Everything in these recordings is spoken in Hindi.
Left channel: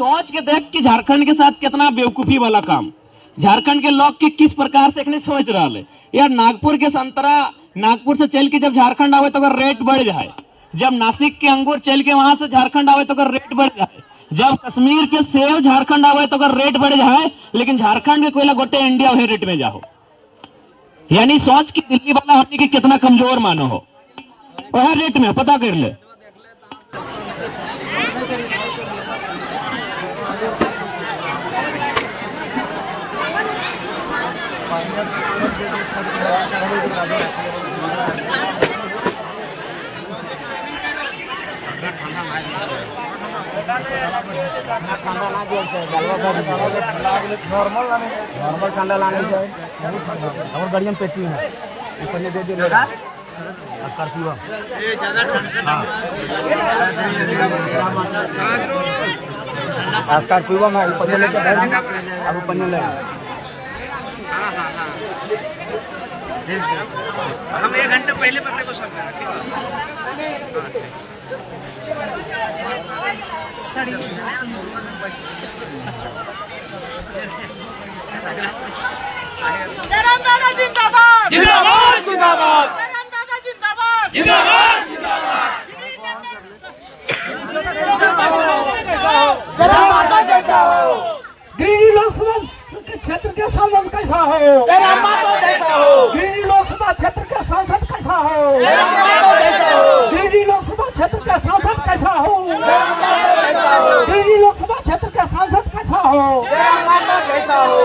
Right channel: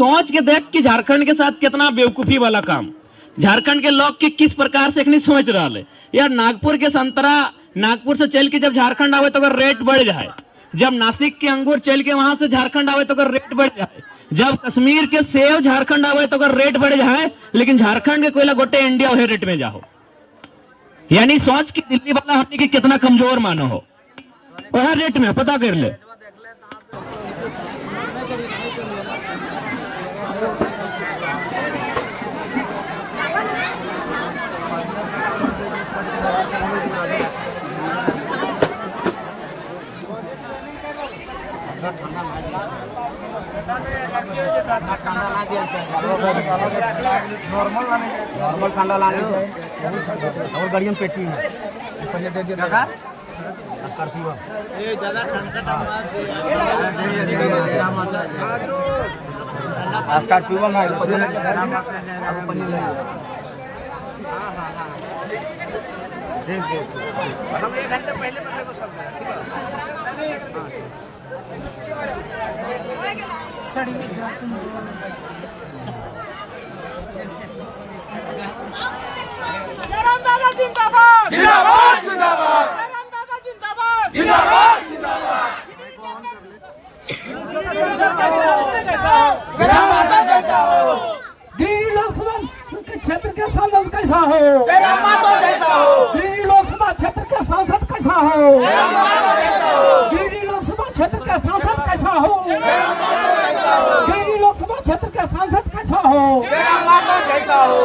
सोच के देख कि झारखंड के साथ कितना बेवकूफी वाला काम झारखंड के लोग के किस प्रकार से सोच रहा है यार। नागपुर के संतरा नागपुर से चल के जब झारखंड आवे तो अगर रेट बढ़ जाए, जब नासिक के अंगूर चल के वहां से झारखंड आवे तो अगर रेट बढ़ जाए, जब कश्मीर के सेब झारखंड आवे तो अगर रेट बढ़ जाए, लेकिन झारखंड के कोयला गोटे इंडिया वही रेट में जाओ। यानी सोच की दिल्ली वाला हमने की कितना कमजोर मानो हो, वह रेट में पता कर ले। नॉर्मल ठंडा लाने से और बढ़िया पेटी में इतने दे दिए लगा ये ज्यादा ठंडा आजकल पीवा में पहले तो गरम पन्ने लगा। हम 1 घंटे पहले पकड़े को सब जयराम दादा जिंदाबाद जिंदाबाद जिंदाबाद। जयराम दादा जिंदाबाद जिंदाबाद जिंदाबाद। जयराम माता जैसा हो, गिरिडीह लोकसभा क्षेत्र के सांसद कैसा हो, जयराम माता जैसा हो, गिरिडीह लोकसभा क्षेत्र के सांसद कैसा हो, जयराम माता जैसा हो, गिरिडीह लोकसभा क्षेत्र का सांसद कैसा हो, जयराम माता जैसा हो, गिरिडीह लोकसभा क्षेत्र का सांसद कैसा हो, जयराम माता जैसा हो,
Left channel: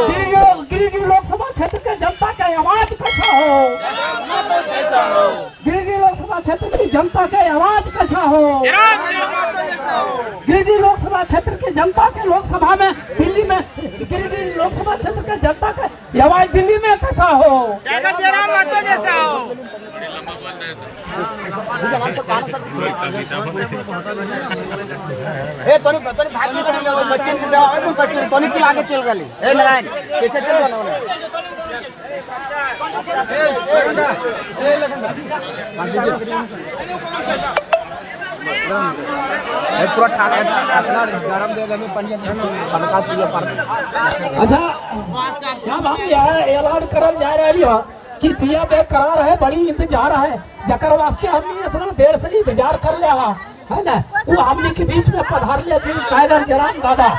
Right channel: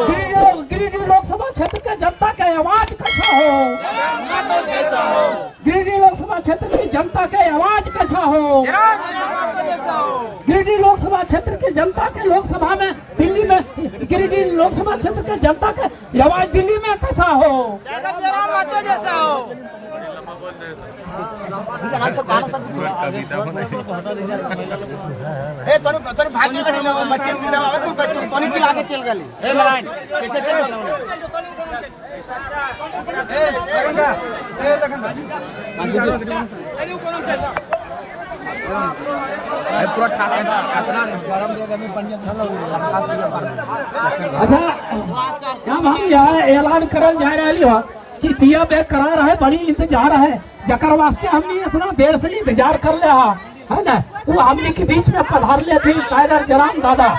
गिरिडीह लोकसभा क्षेत्र के जनता की आवाज कैसा हो, जयराम माता जैसा हो, गिरिडीह लोकसभा क्षेत्र की जनता की आवाज कैसा हो, जयराम माता जैसा हो, गिरिडीह लोकसभा क्षेत्र की जनता के लोकसभा में दिल्ली में गिरिडीह लोकसभा क्षेत्र के जनता के आवाज दिल्ली में कैसा हो, जयराम माता जैसा हो। ए तोनी भागी से ले बच्चे को जाओ और बच्चे तोनी के आगे चल गली। ए नारायण पीछे चल बनो ए पूरा ठाकना गरम दे देनी पनिया बनका पिया पानी। अच्छा अब हम यहाँ ऐलान करल जा रही हो कि तिया बेकरार है, बड़ी इंतजार है, जकर वास्ते हमने इतना देर से इंतजार कर लिया है ना। वो हमने के बीच में पधार ले थे टाइगर जयराम दादा,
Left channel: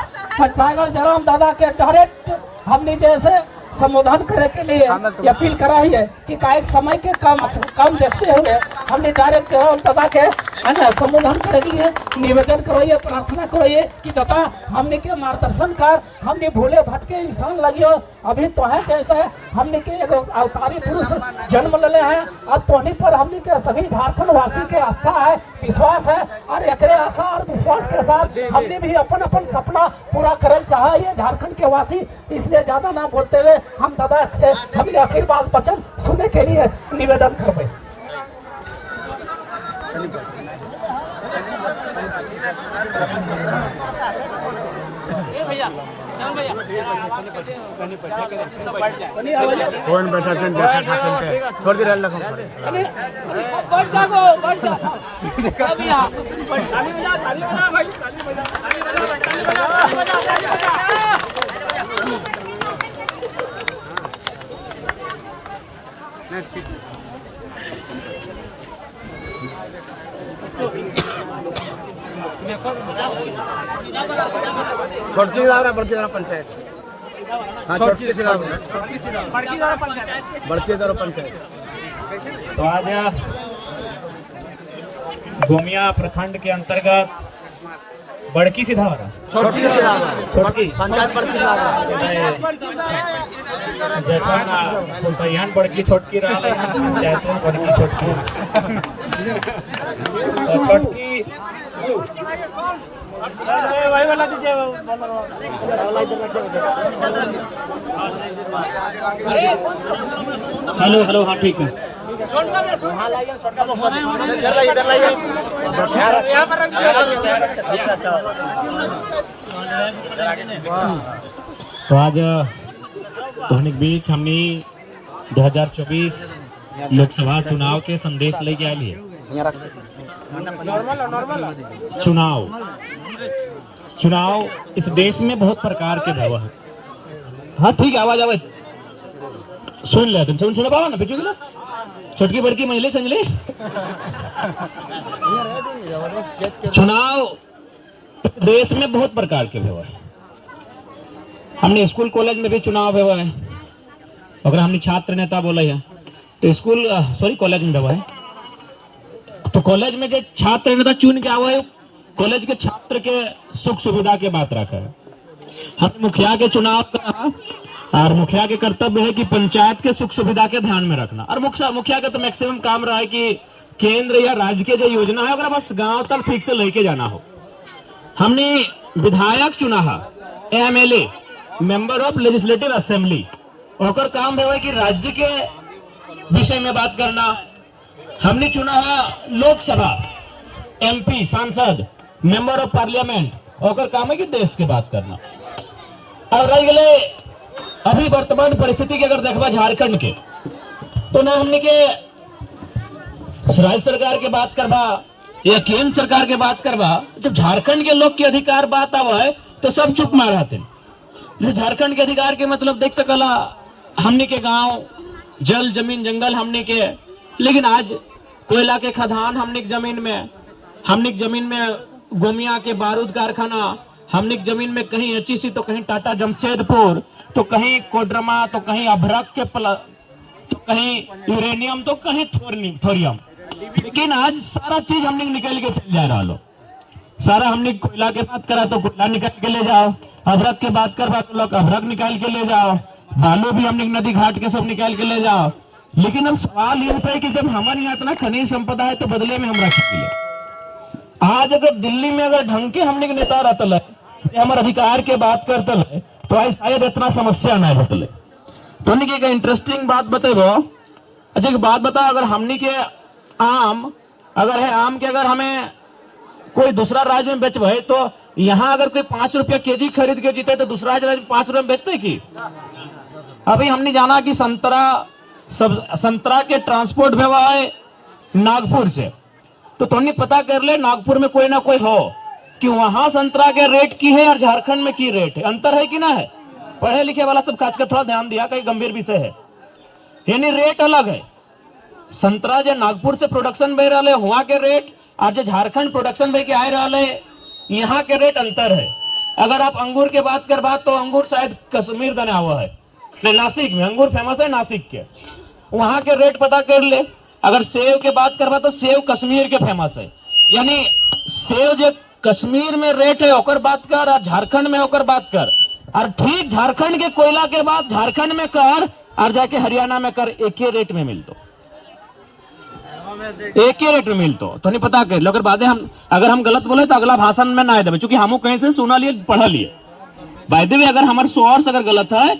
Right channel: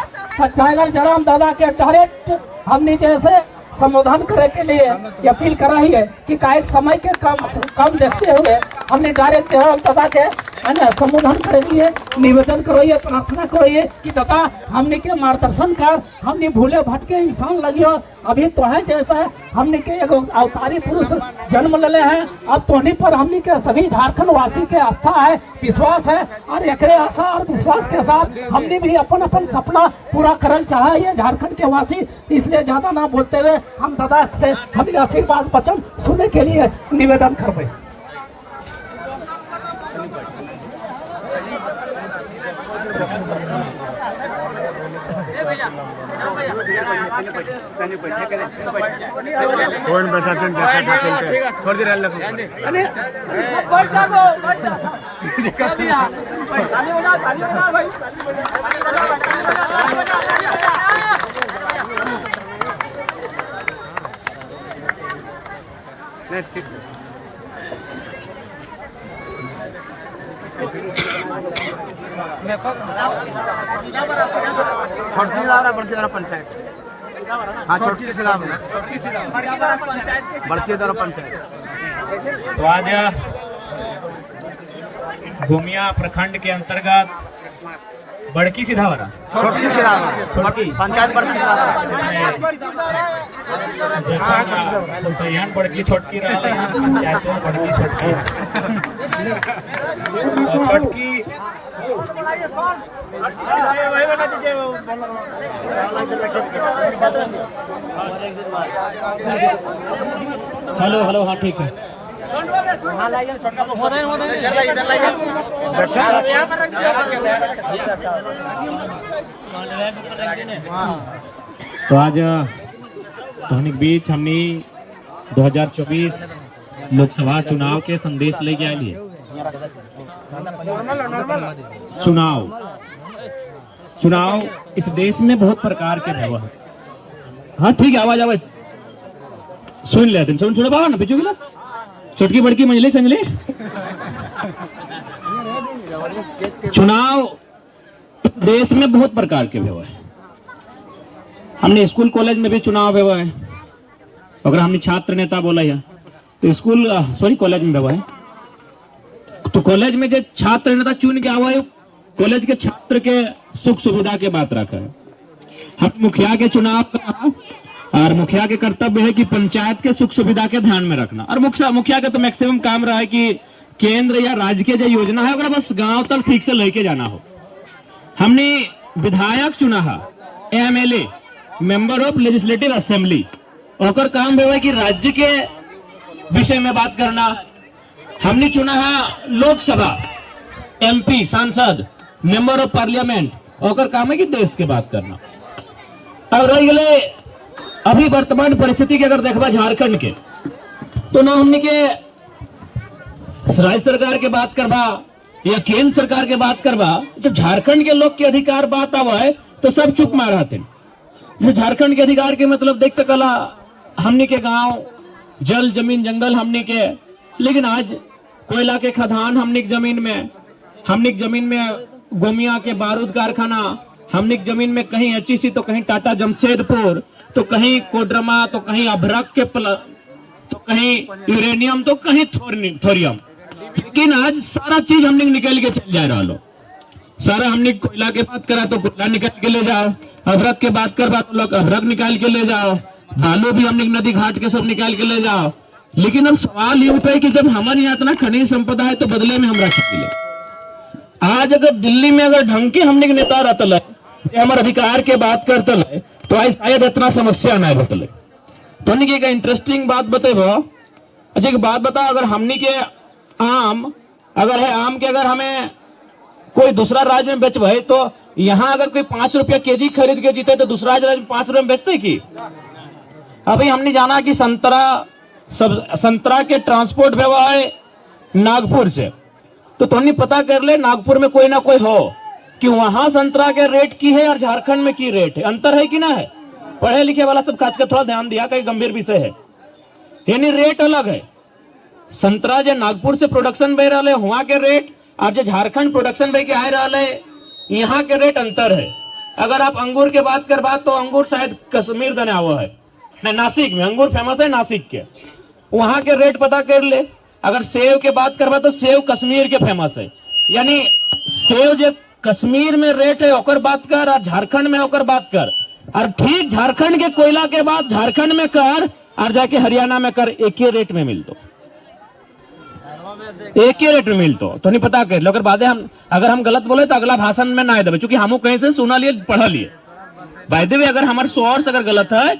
टाइगर जयराम दादा के डायरेक्ट हमने जैसे संबोधन करे के लिए अपील करा ही है कि कायक समय के काम देखते हुए हमने डायरेक्ट जयराम दादा के है ना संबोधन करे लिए निवेदन करोइए, प्रार्थना करोइए कि दादा हमने के मार्गदर्शन कर, हमने भूले भटके इंसान लगियो, अभी तो है जैसे हमने के एगो अवतारी पुरुष जन्म ले हैं। अब तोहनी पर हमने के सभी झारखंड वासी के आस्था है, विश्वास है, और एकरे आशा और विश्वास के साथ हमने भी अपन अपन सपना पूरा करल चाहा ये झारखंड के वासी। इसलिए ज्यादा ना बोलते हुए हम दादा से हमने आशीर्वाद वचन सुनने के लिए निवेदन करबे। कौन बैठा के देखा ठाकुर के छोड़ दे रे लखन सब बैठ जाओ बैठ जाओ। देखो भैया ताली बजा भाई ताली बजा। छोटकी लावरा बड़की दरा पंचायत। हाँ छोटकी से लावरा बड़की दरा पंचायत। तो आज गोमिया प्रखंड के अंतर्गत बड़की सिधावरा छोटकी से लावरा पंचायत बड़की से लावरा जैसा यहाँ बड़की छोटकी रहा यहाँ पंचायत में बड़की छोटकी तो छोटकी हेलो हेलो हाँ ठीक है। तो आज तोहनी के बीच हमने 2024 लोकसभा चुनाव के संदेश लेके आए लिए। चुनाव चुनाव इस देश में बहुत प्रकार के भवा है। हाँ ठीक है, आवाज आवे सुन ले, तुम सुन पाओ ना बिचू छोटकी बड़की मंजली संजली। चुनाव देश में बहुत प्रकार के व्यवहार है। हमने स्कूल कॉलेज में भी चुनाव व्यवहार है। अगर हमने छात्र नेता बोला है तो स्कूल कॉलेज में व्यवहार है। तो कॉलेज में जो छात्र नेता चुन के आवे कॉलेज के छात्र के सुख सुविधा के बात रखा है। हम मुखिया के चुनाव का और मुखिया के कर्तव्य है कि पंचायत के सुख सुविधा के ध्यान में रखना। और मुखिया का तो मैक्सिमम काम रहा है कि केंद्र या राज्य के जो योजना है अगर बस गांव तक ठीक से लेके जाना हो। हमने विधायक चुना है, MLA member of legislative assembly, और काम है कि राज्य के विषय में बात करना। हमने चुना है लोकसभा एमपी सांसद मेंबर ऑफ पार्लियामेंट, और काम है कि देश के बात करना। अब रह गए अभी वर्तमान परिस्थिति के अगर देखा झारखंड के, तो ना हमने के राज्य सरकार के बात करवा या केंद्र सरकार के बात करवा, जब झारखंड के लोग के अधिकार बात आवा है तो सब चुप मारा थे। जैसे झारखंड के अधिकार के मतलब देख सकला हमने के गांव जल जमीन जंगल हमने के, लेकिन आज कोयला के खदान हमने के जमीन में गोमिया के बारूद कारखाना, हमने के जमीन में कहीं एचईसी तो कहीं टाटा जमशेदपुर, तो कहीं कोडरमा, तो कहीं अभ्रक के तो कहीं यूरेनियम, तो कहीं थोरियम। लेकिन आज सारा चीज हमने निकल के चल जा रहा लो। सारा हमने कोयला के बात करा तो कोयला निकल के ले जाओ, अभ्रक के बात करवा तो लोग अभ्रक निकाल के ले जाओ, बालू भी हमने नदी घाट के सब निकाल के ले जाओ। लेकिन अब सवाल ये उठा है कि जब हमारे यहाँ इतना खनिज संपदा है तो बदले में हमरा क्या मिले। आज अगर दिल्ली में अगर ढंग के हमने नेता रहता है, हमारे अधिकार के बात करता है, तो आज शायद इतना समस्या ना बतले। तो एक इंटरेस्टिंग बात बतेबो। अच्छा एक बात बताओ, अगर हमने के आम अगर है आम के अगर हमें कोई दूसरा राज्य में बेचबे तो यहाँ अगर कोई 5 रुपया केजी खरीद के जीते तो दूसरा राज्य में 5 रुपये में बेचते की। अभी हमने जाना कि संतरा के ट्रांसपोर्ट हुआ है नागपुर से, तो तुमने पता कर ले नागपुर में कोई ना कोई हो कि वहां संतरा के रेट की है और झारखंड में की रेट है, अंतर है कि ना है। पढ़े लिखे वाला सब खास कर थोड़ा ध्यान दिया, कई गंभीर विषय है, यानी रेट अलग है। संतरा जो नागपुर से प्रोडक्शन बह रहा है वहां के रेट और जो झारखंड प्रोडक्शन बह के आ रहा है यहाँ के रेट अंतर है। अगर आप अंगूर के बात कर बात तो अंगूर शायद कश्मीर बना हुआ है, नासिक में अंगूर फेमस है, नासिक के वहां के रेट पता कर ले। अगर सेव के बात करवा तो सेव कश्मीर के फेमस है, यानी सेव जो कश्मीर में रेट है ओकर बात कर और झारखंड में ओकर बात कर, और ठीक झारखंड के कोयला के बाद झारखंड में कर और जाके हरियाणा में कर, एक ही रेट में मिलतो, एक ही रेट में मिलतो। तो नहीं पता कर लो। अगर बातें अगर हम गलत बोले तो अगला भाषण में ना दे, चूंकि हम कहीं से सुना लिए पढ़ा लिए। बाय अगर हमारे सोर्स अगर गलत है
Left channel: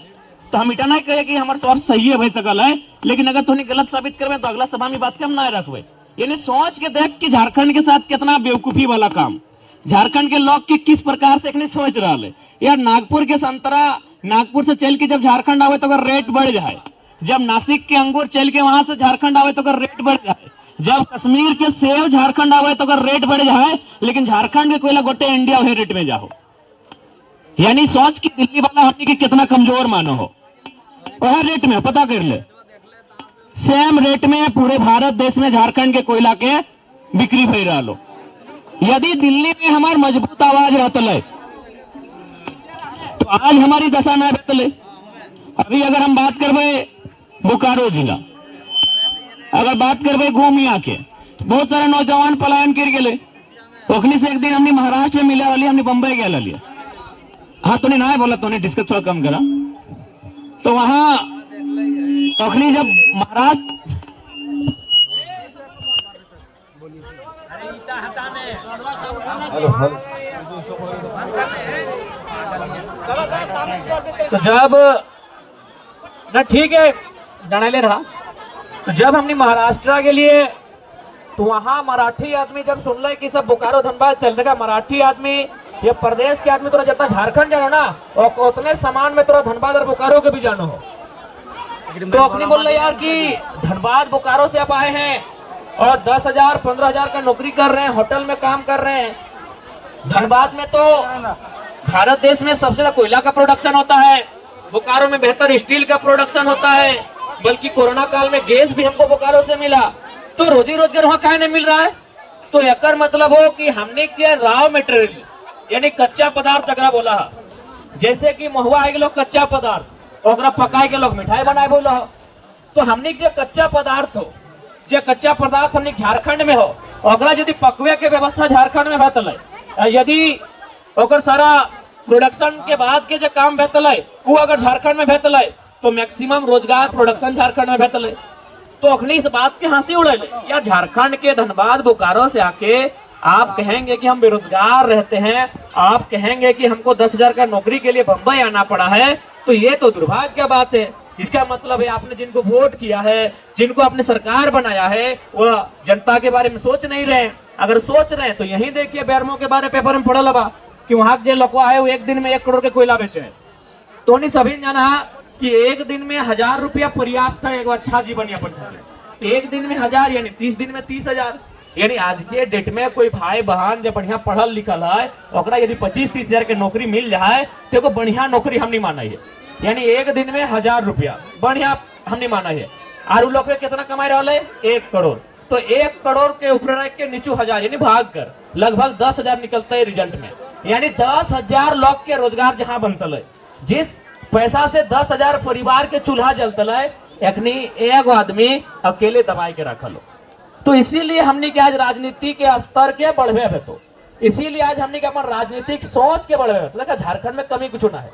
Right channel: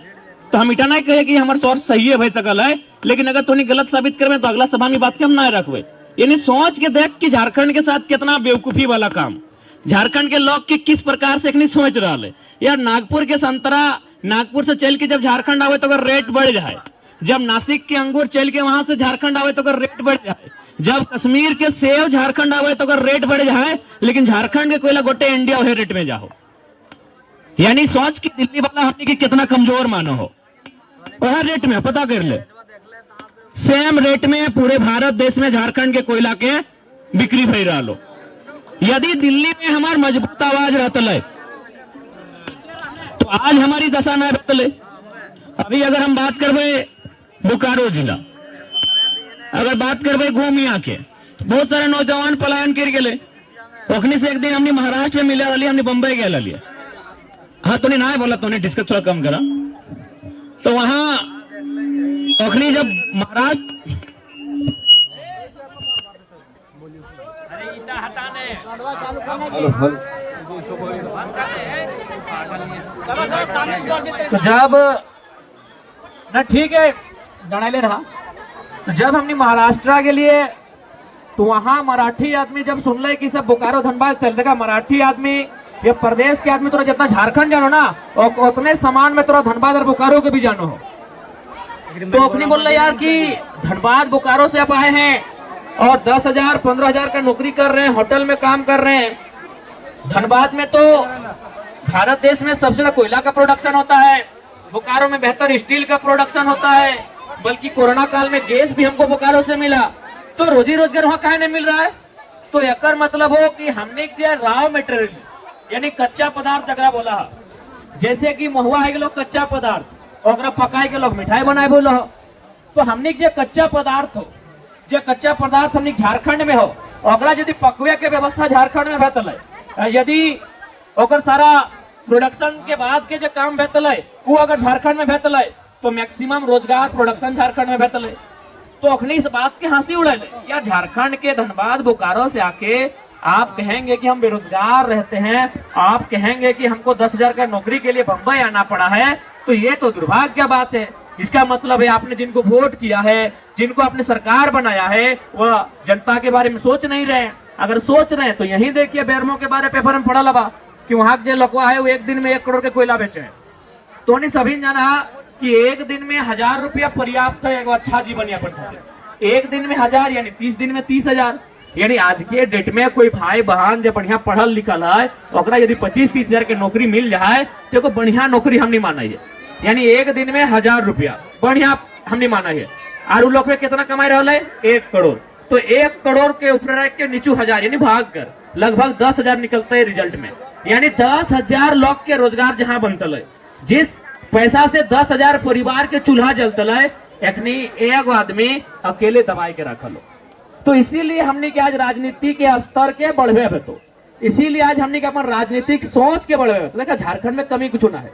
तो हम इतना नहीं कहे कि हमारे सोर्स सही है भाई सकल है, लेकिन अगर तुमने गलत साबित करवे तो अगला सभा में बात के हम ना रखवे। यानी सोच के देख कि झारखंड के साथ कितना बेवकूफी वाला काम झारखंड के लोग के किस प्रकार से नहीं सोच रहा है। यार नागपुर के संतरा नागपुर से चल के जब झारखंड आवे तो अगर रेट बढ़ जाए, जब नासिक के अंगूर चल के वहां से झारखंड आवे तो अगर रेट बढ़ जाए, जब कश्मीर के सेव झारखंड आवे तो अगर रेट बढ़ जाए, लेकिन झारखंड के कोयला गोटे इंडिया वही रेट में जाओ। यानी सोच की दिल्ली वाला हमने की कितना कमजोर मानो हो, वह रेट में पता कर ले, सेम रेट में पूरे भारत देश में झारखंड के कोयला के बिक्री भई रहा लो। यदि दिल्ली में हमार मजबूत आवाज रहता है तो आज हमारी दशा न रहते। अभी अगर हम बात करवे बोकारो जिला, अगर बात करवे गोमिया के, बहुत सारे नौजवान पलायन कर गए। ओखनी से एक दिन हमने महाराष्ट्र में मिले वाली, हमने बंबई गए लिए। हाँ तो नहीं ना बोला, तो डिस्कस थोड़ा कम करा। तो वहां ओखनी जब महाराष्ट्र तो जब ना ठीक है डरले रहा, तो जब हमने महाराष्ट्र के लिए तो वहां मराठी आदमी जब सुन ले कि सब बोकारो धनबाद चल रहा, मराठी आदमी ये प्रदेश के आदमी तोरा जितना झारखंड जानो ना और उतने समान में तोरा धनबाद और बोकारो के भी जानो हो। तो अपनी बोल रहे यार कि धनबाद बोकारो से आप आए हैं और 10,000 15,000 का नौकरी कर रहे हैं, होटल में काम कर रहे हैं, धनबाद में तो भारत देश में सबसे ज्यादा कोयला का प्रोडक्शन होता है, बोकारो में बेहतर स्टील का प्रोडक्शन होता है, बल्कि कोरोना काल में गैस भी हमको बोकारो से मिला। तो रोजी रोजगार वहाँ काहे नहीं मिल रहा है? तो एकर मतलब हो कि हमने जो रॉ मटेरियल यानी कच्चा पदार्थ जगरा बोला है, जैसे कि महुआ है लोग कच्चा पदार्थ और पकाए के लोग मिठाई बनाए बोलो, तो हमने जो कच्चा पदार्थ हो, जो कच्चा पदार्थ हमने झारखंड में हो, ओकरा यदि पकवे के व्यवस्था झारखंड में भेटल है, यदि ओकर सारा प्रोडक्शन के बाद के जो काम भेटल है वो अगर झारखंड में भेटल है तो मैक्सिमम रोजगार प्रोडक्शन झारखंड में भेटल है। तो अखनी इस बात के हंसी उड़े या झारखंड के धनबाद बोकारो से आके आप कहेंगे कि हम बेरोजगार रहते हैं, आप कहेंगे कि हमको 10,000 का नौकरी के लिए बंबई आना पड़ा है, तो ये तो दुर्भाग्य की बात है। इसका मतलब है आपने जिनको वोट किया है, जिनको आपने सरकार बनाया है, वो जनता के बारे में सोच नहीं रहे। अगर सोच रहे हैं तो यही देखिए बेरमो के बारे पेपर में पढ़ल बा कि वहां के लोग आए वो एक दिन में 1 करोड़ के कोयला बेचे हैं। तो उन्हें सभी जाना कि एक दिन में 1,000 रुपया पर्याप्त है एक अच्छा जीवन यापन खातिर। एक दिन में 1,000 यानी 30 दिन में 30,000, यानी आज के डेट में कोई भाई बहन जब बढ़िया पढ़ल लिखल है ओकरा यदि 25-30 हजार के नौकरी मिल जाए तो एगो बढ़िया नौकरी हमने माना है। यानी एक दिन में 1,000 रुपया बढ़िया हमने माना है। और उ लोग कितना कमाई रहा है? 1 करोड़। तो 1 करोड़ के ऊपर के नीचू 1,000 यानी भाग कर लगभग 10,000 निकलता है रिजल्ट में। यानी 10,000 लोग के रोजगार जहां बनतल है, जिस पैसा से 10,000 परिवार के चूल्हा जलतल है, एखनी एक आदमी अकेले दबाई के रखल हो। तो इसीलिए हमने के आज राजनीति के स्तर के बढ़वे है, तो इसीलिए आज हमने के अपन राजनीतिक सोच के बढ़वे है। देखा झारखंड में कमी कुछ ना है।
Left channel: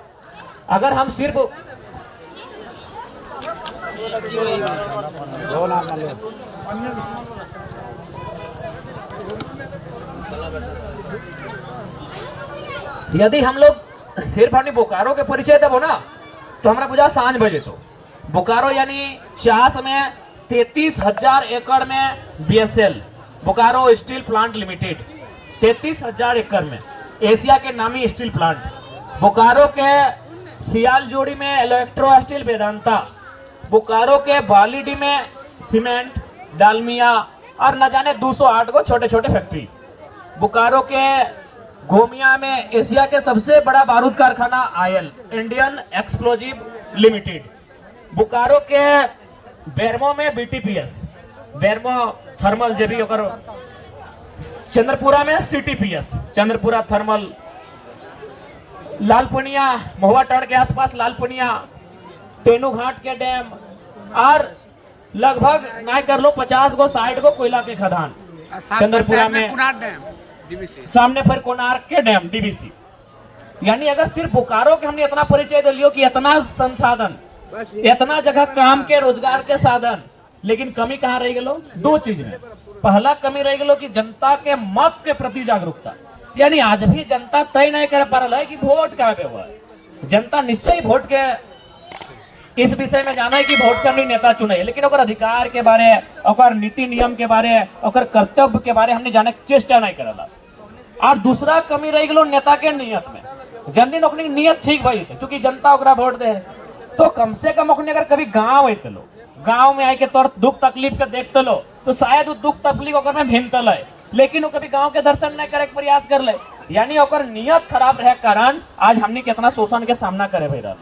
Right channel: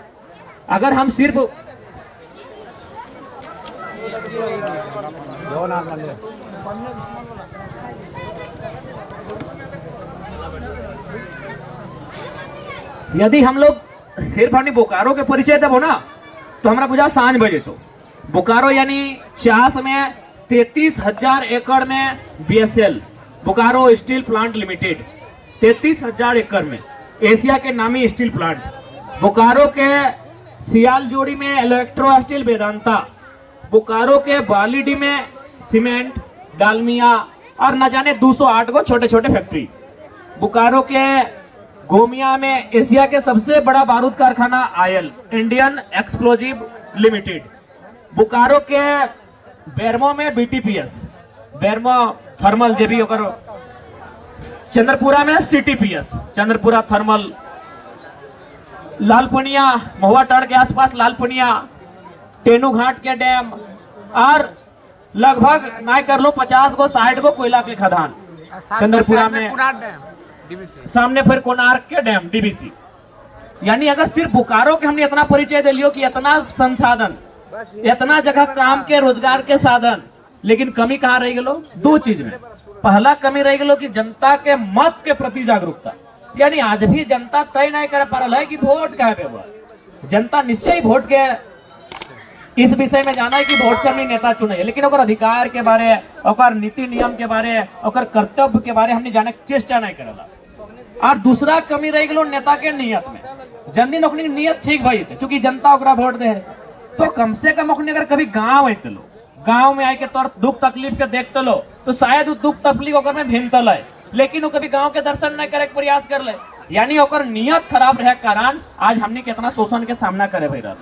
अगर हम सिर्फ यदि हम लोग सिर्फ अपनी बोकारो के परिचय देवो ना तो हमारा पूछा सांझ बजे तो बोकारो यानी चास में 33,000 एकड़ में BSL Bokaro steel plant limited 33,000 एकड़ में एशिया के नामी स्टील प्लांट। बोकारो के सियाल जोड़ी में इलेक्ट्रो स्टील वेदांता, बोकारो के बालीडी में सीमेंट डालमिया और न जाने 208 को छोटे छोटे फैक्ट्री। बोकारो के गोमिया में एशिया के सबसे बड़ा बारूद कारखाना oil Indian explosive limited. Bokaro के बेरमो में BTPS बेरमो थर्मल जेबी और चंद्रपुरा में CTPS चंद्रपुरा थर्मल। लालपनिया महुआ टाड़ के आसपास लालपनिया, तेनू घाट के डैम और लगभग नहीं कर लो 50 को 60 को कोयला के खदान चंद्रपुरा में। सामने फिर कोणार्क के डैम DBC। यानी अगर सिर्फ बोकारो के हमने इतना परिचय दे लियो कि इतना संसाधन, इतना जगह काम के रोजगार के साधन, लेकिन कमी कहाँ रह गलो? 2 चीज में। पहला कमी रह गलो कि जनता के मत के प्रति जागरूकता। यानी आज भी जनता तय नहीं कर पा रहा है कि वोट कहाँ पे हुआ। जनता निश्चय वोट के इस विषय में जाना है कि वोट से हमने नेता चुने है, लेकिन अधिकार के बारे, नीति नियम के बारे, कर्तव्य के बारे हमने जाने की चेष्टा नहीं करा। और दूसरा कमी रह गलो नेता के नियत में। जल्दी नौकरी नियत ठीक भाई थे, चूंकि जनता ओकरा वोट दे तो कम से कम ओकने अगर कभी गांव आते लो, गांव में आके तोर दुख तकलीफ के देखते लो तो शायद वो दुख तकलीफ ओकर में भिनतल है, लेकिन वो कभी गांव के दर्शन नहीं करे प्रयास कर ले। यानी ओकर नियत खराब रहे कारण आज हमने कितना शोषण के सामना करे भाई रहा।